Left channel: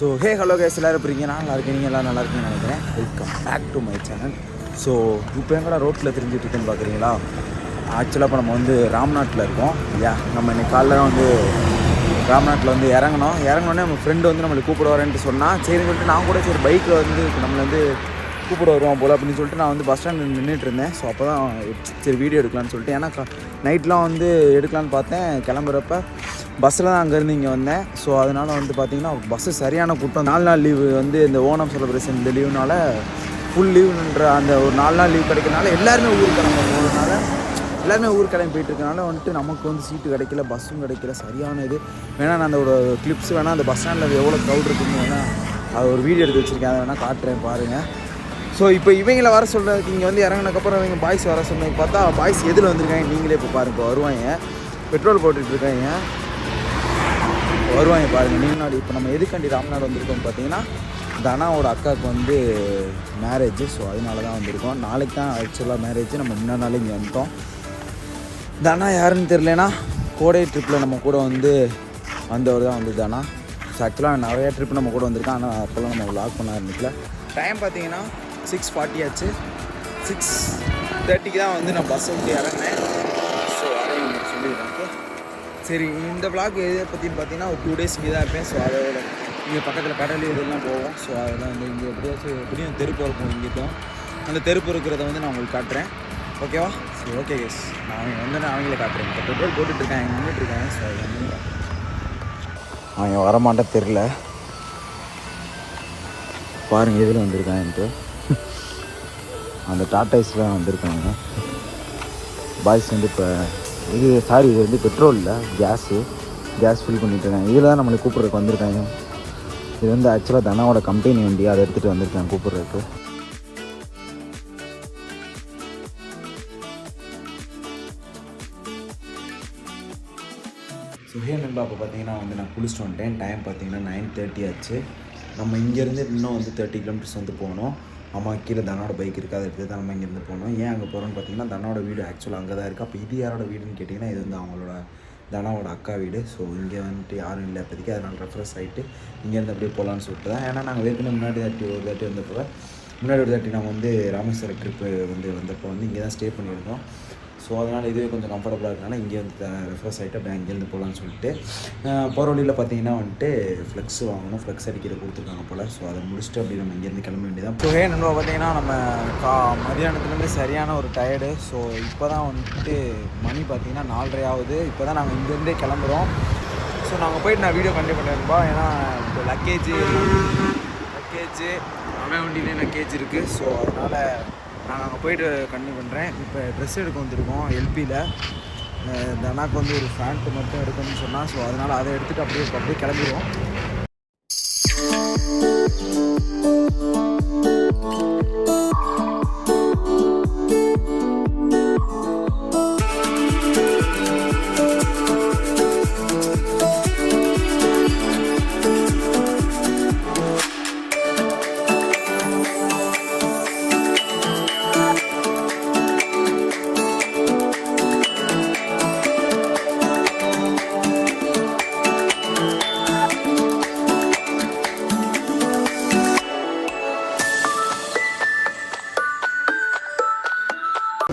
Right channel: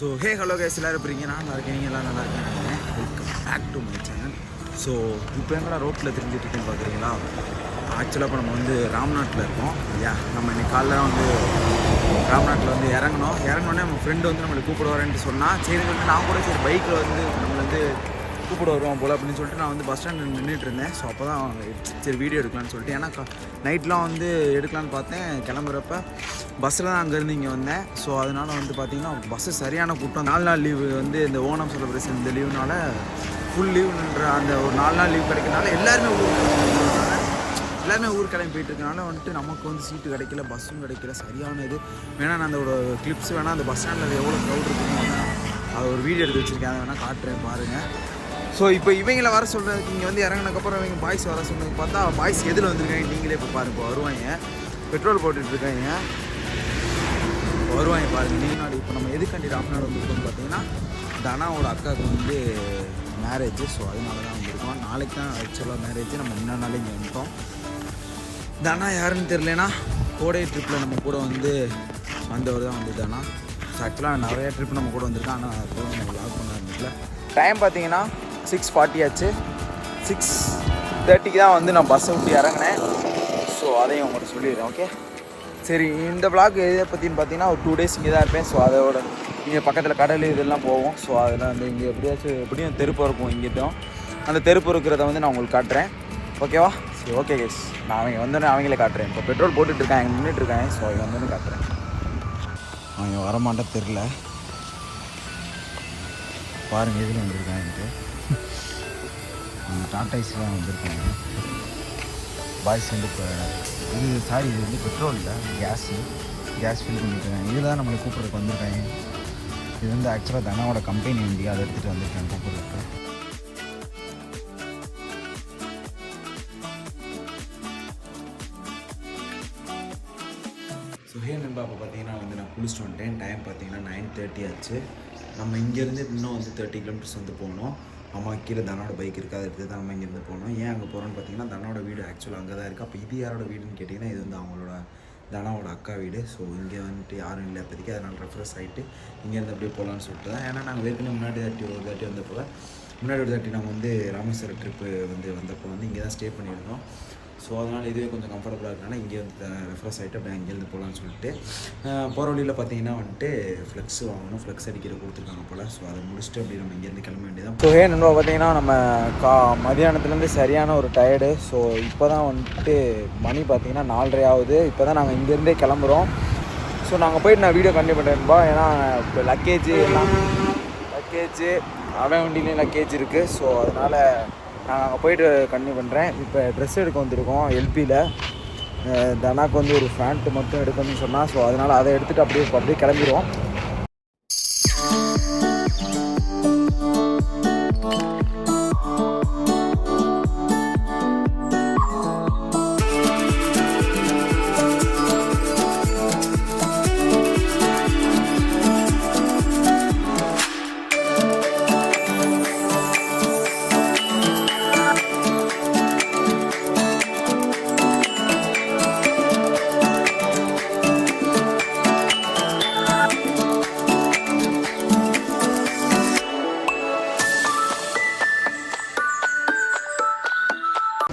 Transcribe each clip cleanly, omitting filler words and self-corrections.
So hello guys, எல்லோரும் இருப்பீங்க. நான் நல்லா இருக்கேன், நீங்கள் எல்லாம் நல்லா இருக்கீங்கன்னு நினைக்கிறேன். Welcome back to my channel. So இப்போ எங்கடா ரோட்டில் தெரிஞ்சிட்டு இருக்கேன்னு பார்க்குறீங்களா? ஆக்சுவலாக இப்போ நம்ம வந்து ராம்நாட்டில் இருக்கோம். நம்ம இன்னைக்கு காலைல வந்து ராம்நாட்டில் வந்து இறங்கினோடனே நம்ம ஃப்ரெண்டு வந்து நம்மளை கூப்பிட வரேன்ட்டு சொன்னால், சரின்னு சொல்லிட்டு நான் கூட சரி பைக்கில் வந்து நம்மளை வந்து கூப்பிட வருவோம் போல் அப்படின்னு சொல்லிட்டு நான் வந்து பஸ் ஸ்டாண்டில் நின்றுட்டு இருந்தேன். ஸோ அப்போ தான் சரி வீடியோ எடுக்கலான்னு சொல்லிட்டு, ஏன்னா நைட்லாம் வந்து எடுக்கலான்னு பார்த்தேன். கிளம்புறப்ப பஸ்ஸில் தான் அங்கேருந்து இங்கே வந்தேன். ஸோ அதனால் வந்து பார்த்திங்கன்னா பஸ்ஸு சரியான கூட்டம். 4 நாள் லீவு வந்து இந்த ஓணம் செலிப்ரேஷன் இந்த லீவுனால ஃபுல் லீவுன்ற அந்த ஒரு 4 நாள் லீவ் கிடைக்கிறதுனால எல்லாருமே ஊருக்கு கிளம்ப போகிறதுனால எல்லாருமே ஊருக்கு கிளம்பி போயிட்டுருக்கனால வந்துட்டு நமக்கு வந்து சீட்டு கிடைக்கல, பஸ்ஸும் கிடைக்கல. சரியான இது வேணால் நான் அந்த கிளிப்ஸ் வேணால் அந்த பஸ் ஸ்டாண்டில் எவ்வளோ க்ரௌட் இருக்குன்னு வேணால் அது ஒரு வீடியோ எடுத்து வச்சுருக்கேன், அதை வேணால் காட்டுறேன் பாருங்கள். ஸோ இப்போ இவங்கள வர சொல்கிறதுக்கு இங்கே வந்து இறங்கினதுக்கப்புறம் இவங்க பாய்ஸ் வர சொன்னதுக்கு பார்த்தா பாய்ஸ் எதில் வந்திருக்காங்க நீங்களே இப்போ பாருங்கள். இப்போ வருவாங்க, பெட்ரோல் போட்டுட்ருக்காங்க, வருவாங்க பாருங்கள். முன்னாடி இப்போ நம்ம எதுக்காண்டி ராம்நாடு வந்திருக்கோம்னு பார்த்தீங்கன்னா, தனாவோட அக்காவுக்கு வந்து மேரேஜ். ஸோ அதனால தான் வந்திருக்கோம். நாளைக்கு தான் ஆக்சுவலாக மேரேஜ். நம்ம முன்னாடி நாளே இங்கே வந்துட்டோம். தனா யாருன்னு தெரியலனா கோடை ட்ரிப்பில் நம்ம கூட வந்து வந்தவர் தான் வந்து தனா. ஸோ ஆக்சுவலாக நிறையா ட்ரிப் நம்ம கூட வந்திருக்கோம். ஆனால் அப்போல்லாம் நம்ம விளாக் பண்ண ஆரம்பிக்கல. டைம் பார்த்தீங்கன்னா 6:40 ஆச்சு. 6:30 தான் வந்து நான் பஸ்ஸை விட்டு இறங்கினேன். ஸோ அதையும் உங்களுக்கு சொல்லிடுறேன். ஓகே, சரி. இந்த விளாக் எதை பற்றின்னு பார்த்தீங்கன்னா ஒரு 2 days இங்கே தான் இருப்பேன். ஸோ அதோட இங்கே பக்கத்தில் கடல் இதெல்லாம் போவோம். ஸோ அதெல்லாம் வந்து இங்கே எப்படியும் தெருப்பு இருக்கும். இங்கே தான் அந்த தெருப்பு இருக்கிறத வந்து நான் உங்களுக்கு காட்டுறேன். ஓகேவா? சரி, ஓகே கேஸ். நான் அவங்களே காட்டுறேன். இப்போ பெட்ரோல் போட்டுட்ருக்காங்க, நின்றுட்டுருக்காங்க. ஸோ அதை வந்து காட்டுறேன். அவங்க வரமாட்டா தெரில பாருங்கள், இதில் வந்திருக்காங்கன்ட்டு அந்த டாட்டாஸில் தான் வந்திருக்காங்க பாய்ஸ் வந்து. இப்போ இது இது வந்து பெட்ரோல் இல்லை, கேஸ் ஃபில் பண்ணிட்டு இருக்காங்க. இதில் தான் நம்மளை கூப்பிட்றதுக்கு வந்திருக்காங்க. இது வந்து ஆக்சுவலாக தனாவோட கம்பெனி வண்டி, அதை எடுத்துகிட்டு வந்திருக்காங்க கூப்பிட்றதுக்கு. ஸோ நண்பா, இப்போ பார்த்தீங்கன்னா வந்து நான் குளிச்சுட்டு வந்துட்டேன். டைம் பார்த்தீங்கன்னா 9:30 ஆச்சு. நம்ம இங்கேருந்து இன்னும் வந்து 30 kilometers வந்து போகணும். அம்மா கீழே தனோட பைக் இருக்குது, அதை எடுத்து தான் நம்ம இங்கேருந்து போகணும். ஏன் அங்கே போகிறோன்னு பார்த்தீங்கன்னா, தனோட வீடு ஆக்சுவலாக அங்கே தான் இருக்குது. அப்போ இது யாரோட வீடுன்னு கேட்டிங்கன்னா, இது வந்து அவங்களோட தனாவோட அக்கா வீடு. ஸோ இங்கே வந்துட்டு யாரும் இல்லை இப்போதைக்கு, அதனால் ரெஃப்ரெஷ் ஆகிட்டு இங்கேருந்து அப்படியே போகலான்னு சொல்லிட்டு தான். ஏன்னா நாங்கள் ஏற்கனவே முன்னாடி ஒரு தாட்டி வந்தப்போ நாங்கள் வந்து ராமேஸ்வரம் ட்ரிப்பு வந்தப்போ வந்து இங்கே தான் ஸ்டே பண்ணியிருந்தோம். ஸோ அதனால் இதுவே கொஞ்சம் கம்ஃபர்டபுளாக இருக்கனால இங்கே வந்து ரெஃப்ரெஷ் ஆகிட்டு அப்படியே இங்கேருந்து போகலான்னு சொல்லிட்டு போகிற வழியில் பார்த்தீங்கன்னா வந்துட்டு ஃப்ளெக்ஸ் வாங்கணும். ஃப்ளெக்ஸ் அடிக்கிற கொடுத்துருக்காங்க போல். ஸோ அதை முடிச்சுட்டு அப்படி நம்ம இங்கேருந்து கிளம்ப வேண்டியதான். ஸோ நம்ம பார்த்தீங்கன்னா நம்ம மதியானத்துலேருந்து சரியான ஒரு டயர்டு. ஸோ இப்போ தான் வந்துட்டு மணி பார்த்தீங்கன்னா 4:30 ஆகுது. இப்போ தான் நாங்கள் இங்கேருந்தே கிளம்புறோம். ஸோ நாங்கள் போயிட்டு நான் வீடியோ கண்டிப்பாக பண்ணியிருப்போம். ஏன்னா இப்போ லக்கேஜ் அவன் வண்டியிலையும் லக்கேஜ் இருக்குது. ஸோ அதனால் நான் அங்கே போயிட்டு கண்டினியூ பண்ணுறேன். இப்போ ட்ரெஸ் எடுக்க வந்திருக்கோம் எல்பியில். தனாக்கு வந்து ஒரு பேண்ட்டு மட்டும் எடுக்கணும்னு சொன்னால். ஸோ அதனால் அதை எடுத்துகிட்டு அப்படியே கிளம்பிடுவோம்.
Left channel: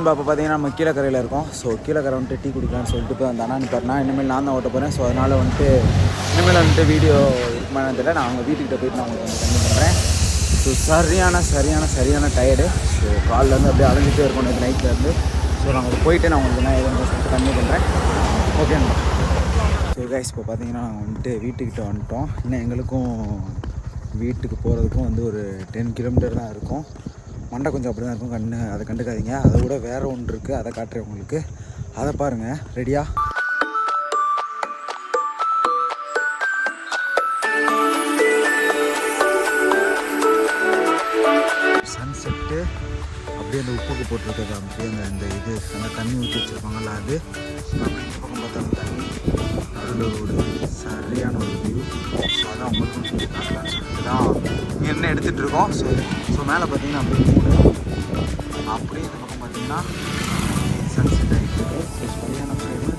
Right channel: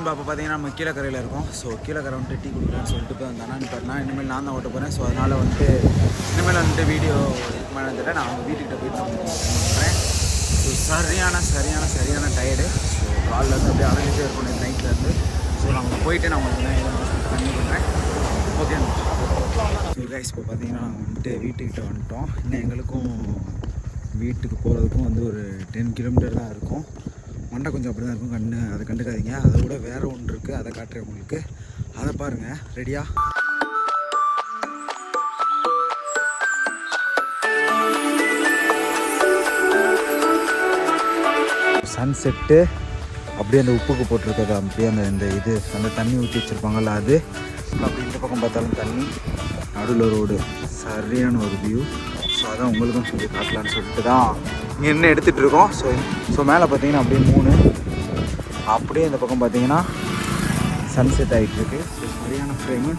இப்போ பார்த்தீங்கன்னா நம்ம கீழக்கரையில் இருக்கோம். ஸோ கீழக்கரை வந்துட்டு டீ குடிக்கலான்னு சொல்லிட்டு இப்போ அந்த அண்ணா நிப்பாருனா இனிமேல் நான் தான் ஓட்ட போகிறேன். ஸோ அதனால் வந்துட்டு இனிமேல் வந்துட்டு வீடியோ இருக்குமான தெரியல. நான் அவங்க வீட்டுக்கிட்ட போயிட்டு நான் உங்களுக்கு கண்டிப்பாக பண்ணுறேன். ஸோ சரியான டயர்டு. ஸோ காலிலேருந்து அப்படியே அலைஞ்சிட்டே இருக்கும் நேற்று நைட்லேருந்து. ஸோ நான் உங்களுக்கு போயிட்டு நான் உங்களுக்கு நான் எதுவும் சொல்லிட்டு கண்டினியூ பண்ணுறேன். ஓகேண்ணா. ஸோ கைஸ், இப்போ பார்த்தீங்கன்னா நாங்கள் வந்துட்டு வீட்டுக்கிட்ட வந்துட்டோம். இன்னும் எங்களுக்கும் வீட்டுக்கு போகிறதுக்கும் வந்து ஒரு 10 kilometer தான் இருக்கும். மண்டை கொஞ்சம் அப்படி தான் இருக்கும். அதை கண்டுக்காதீங்க. அதை விட வேறு ஒன்று இருக்குது, அதை காட்டுறேன் உங்களுக்கு. அதை பாருங்கள். ரெடியா? சன்செட்டு அப்படியே அந்த உப்புக்கு போட்டிருக்கிறது, அப்படியே அந்த தண்ணி ஊற்றி வச்சுருப்பாங்கள்ல அது. அப்படி இந்த பக்கம் பார்த்தாலும் தண்ணி, நடுவில் ரோடு, சரியான ஒரு வியூ. ஸோ அதான் உங்களுக்கும் சொல்லி காட்டலான்னு சொல்லிட்டு தான் இங்கே என்ன எடுத்துகிட்டு இருக்கோம். ஸோ மேலே பார்த்தீங்கன்னா அப்படியே 3, அப்படியே இந்த பக்கம் பார்த்தீங்கன்னா சன்செட் ஆகிட்டுருக்கு. ஸோ சரியான ஃப்ரேமு.